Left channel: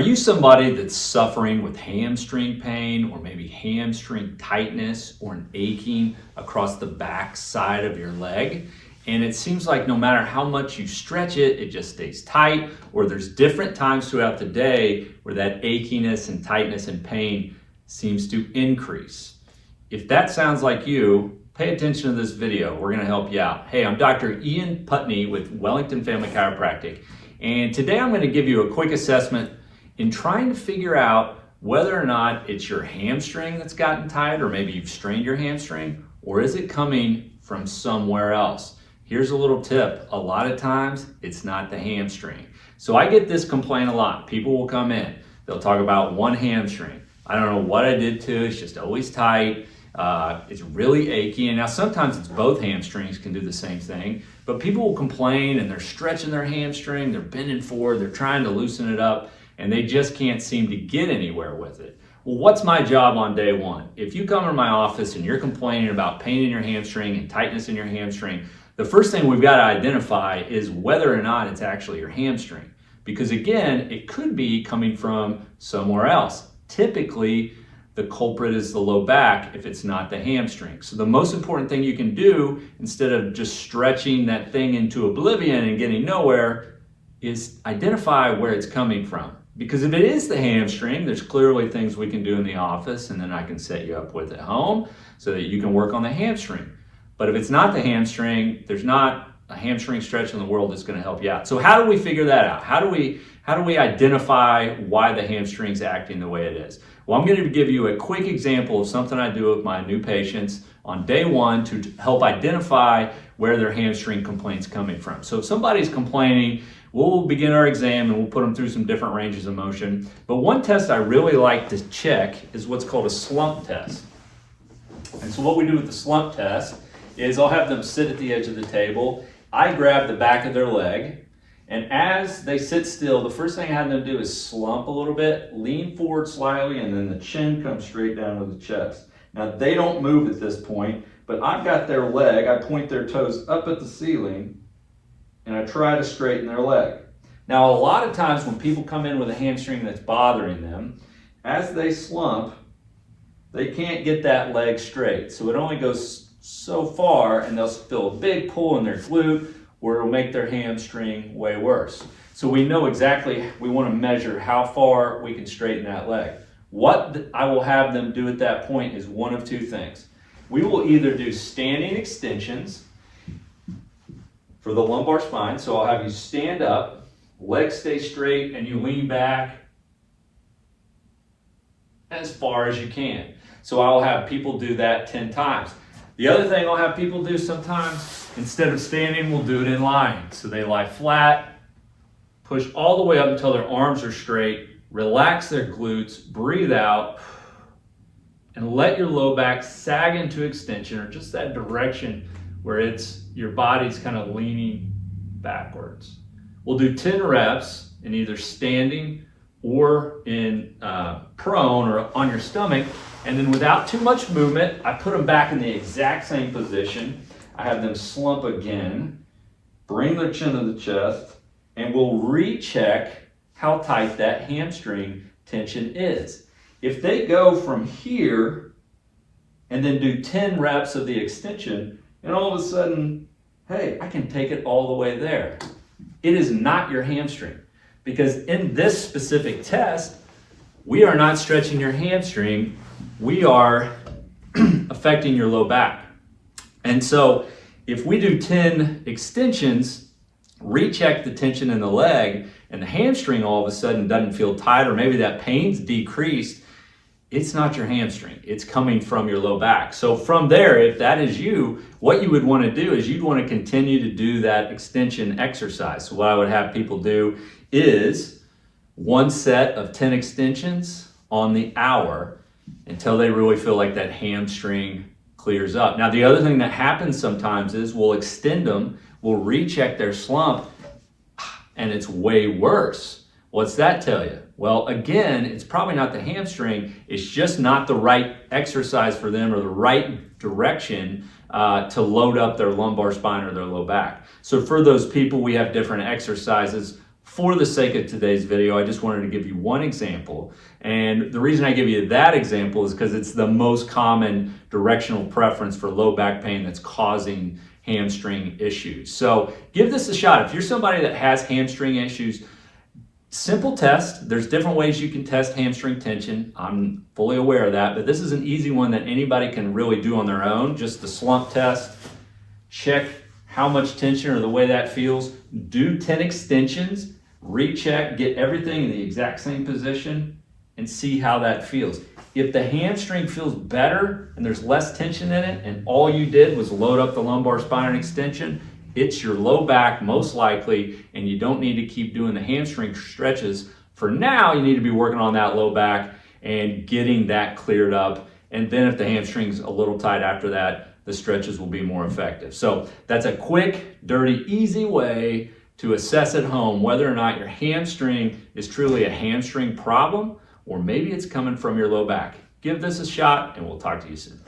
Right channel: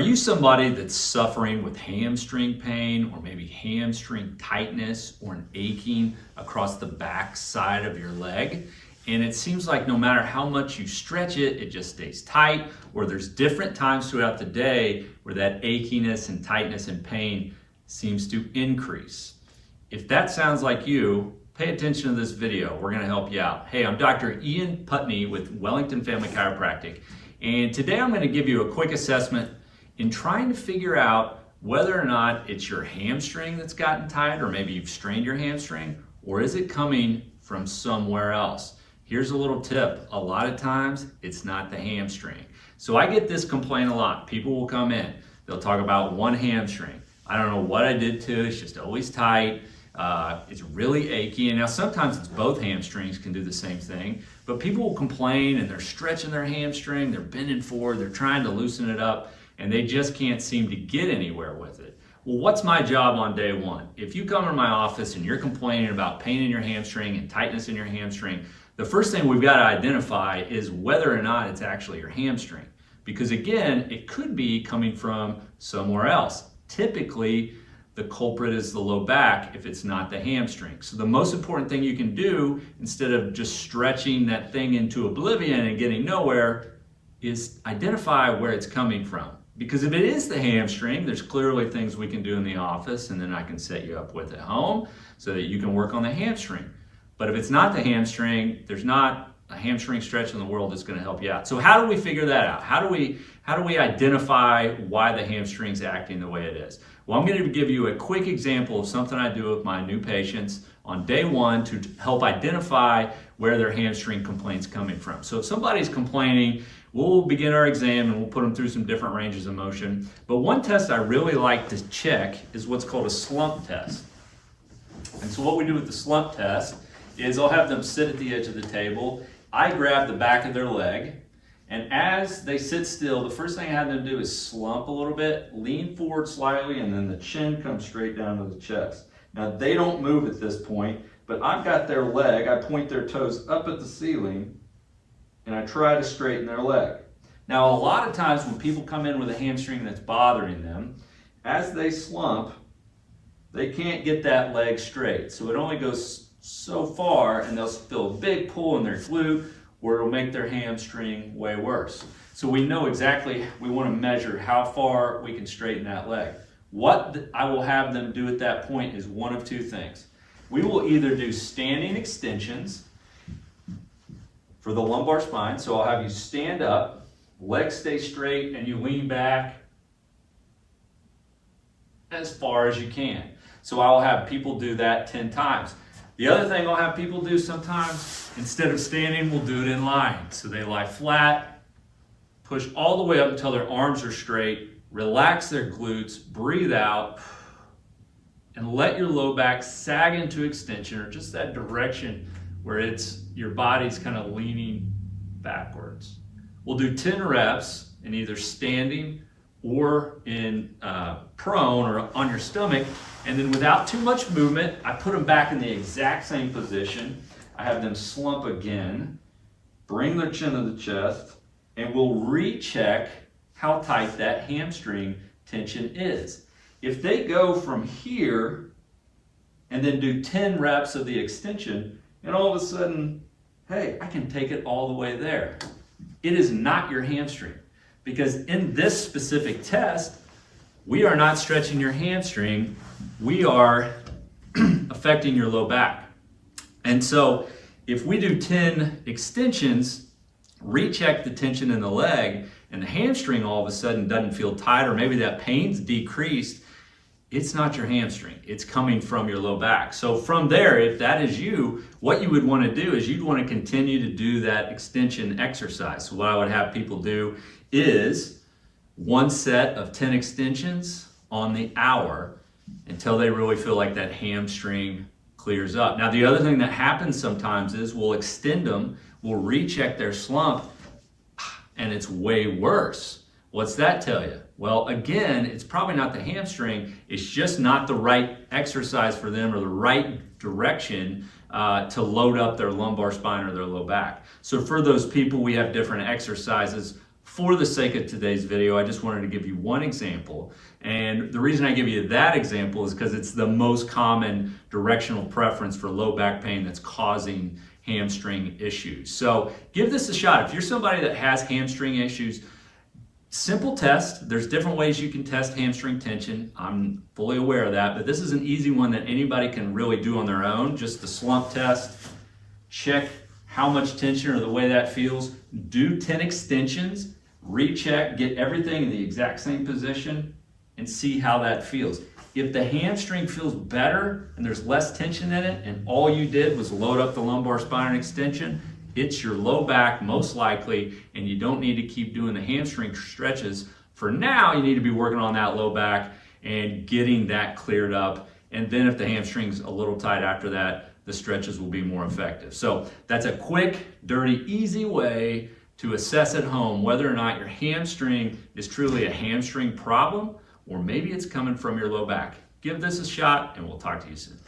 Are you somebody that's suffering with hamstring pain or maybe hamstring tightness or an aching across the back side of your leg? And it seems like no matter how much you stretch it, it just stays tight, or there's different times throughout the day where that achiness and tightness and pain seems to increase. If that sounds like you, pay attention to this video. We're gonna help you out. Hey, I'm Dr. Putney with Wellington Family Chiropractic. And today I'm gonna give you a quick assessment in trying to figure out whether or not it's your hamstring that's gotten tight, or maybe you've strained your hamstring, or is it coming from somewhere else? Here's a little tip. A lot of times it's not the hamstring. So I get this complaint a lot. People will come in, they'll talk about one hamstring. I don't know what I did to it, it's just always tight. It's really achy. And now sometimes it's both hamstrings can do the same thing, but people will complain and they're stretching their hamstring, they're bending forward, they're trying to loosen it up, and they just can't seem to get anywhere with it. Well, what's my job on day one? If you come to my office and you're complaining about pain in your hamstring and tightness in your hamstring, the first thing we've got to identify is whether or not it's actually your hamstring. Because again, it could be coming from somewhere else. Typically, the culprit is the low back if it's not the hamstring. So the most important thing you can do, instead of just stretching that thing into oblivion and getting nowhere, is identify where it's coming from. Because if it is the hamstring, there's clearly things we can do in the office, and then I can set you up with at home so that you can work on the hamstring. But if it's not the hamstring, there's not a hamstring stretch in the world that's going to help you out. So how do we figure that out? How do we identify why the hamstring's acting the way it is? Well, I'm going to give you a quick example of something I do with my new patients on day one to help identify where their hamstring complaint's coming from. So if somebody's complaining, we'll begin our exam and we'll put them through some different ranges of motion. But one test I really like to check is what's called a slump test. And so what we do with the slump test is I'll have them sit at the edge of the table. I grab the back of their leg, and as they sit still, the first thing I have them do is slump a little bit, lean forward slightly, and then the chin comes straight down to the chest. Now they don't move at this point, but I've got their leg, I point their toes up at the ceiling, and I try to straighten their leg. Now a lot of times when people come in with a hamstring that's bothering them, as they slump, they can't get that leg straight. So it only goes so far, and they'll feel a big pull in their glute, or it'll make their hamstring way worse. So we know exactly, we want to measure how far we can straighten that leg. What I will have them do at that point is one of two things. We will either do standing extensions for the lumbar spine. So I'll have you stand up, legs stay straight, and you lean back as far as you can. So I will have people do that 10 times. The other thing I'll have people do sometimes, instead of standing, we'll do it in lying. So they lie flat, push all the way up until their arms are straight, relax their glutes, breathe out, and let your low back sag into extension, or just that direction where it's your body's kind of leaning backwards. We'll do 10 reps in either standing or in prone or on your stomach, and then without too much movement, I put them back in the exact same position. I have them slump again, bring their chin to the chest, and we'll recheck how tight that hamstring tension is. If they go from here and then do 10 reps of the extension, and all of a sudden, hey, I can take it all the way there. It is not your hamstring, because in this specific test, we are not stretching your hamstring, we are affecting your low back. And so if we do 10 extensions, recheck the tension in the leg, and the hamstring all of a sudden doesn't feel tight, or maybe that pain's decreased, it's not your hamstring, it's coming from your low back. So from there, if that is you, what you would want to do is you'd want to continue to do that extension exercise. So what I would have people do is one set of 10 extensions on the hour until they really feel like that hamstring clears up. Now the other thing that happens sometimes is we'll extend them, we'll recheck their slump, and it's way worse. What's that tell you? Well, again, it's probably not the hamstring, it's just not the right exercise for them, or the right direction to load up their lumbar spine or their low back. So for those people, we have different exercises for the sake of today's video, I just wanted to give you one example. And the reason I give you that example is because it's the most common directional preference for low back pain that's causing hamstring issues. So give this a shot. If you're somebody that has hamstring issues, simple test. There's different ways you can test hamstring tension. I'm fully aware of that, but this is an easy one that anybody can really do on their own. Just the slump test. Check how much tension or the way that feels. Do 10 extensions. Recheck, get everything in the exact same position, and see how that feels. If the hamstring feels better and there's less tension in it, and all you did was load up the lumbar spine extension, it's your low back most likely, and you don't need to keep doing the hamstring stretches. For now, you need to be working on that low back and getting that cleared up. And then if the hamstring's a little tight after that, the stretches will be more effective. So that's a quick, dirty, easy way to assess at home whether or not your hamstring is truly a hamstring problem, or maybe it's coming from your low back. Give this a shot, and we'll talk to you soon.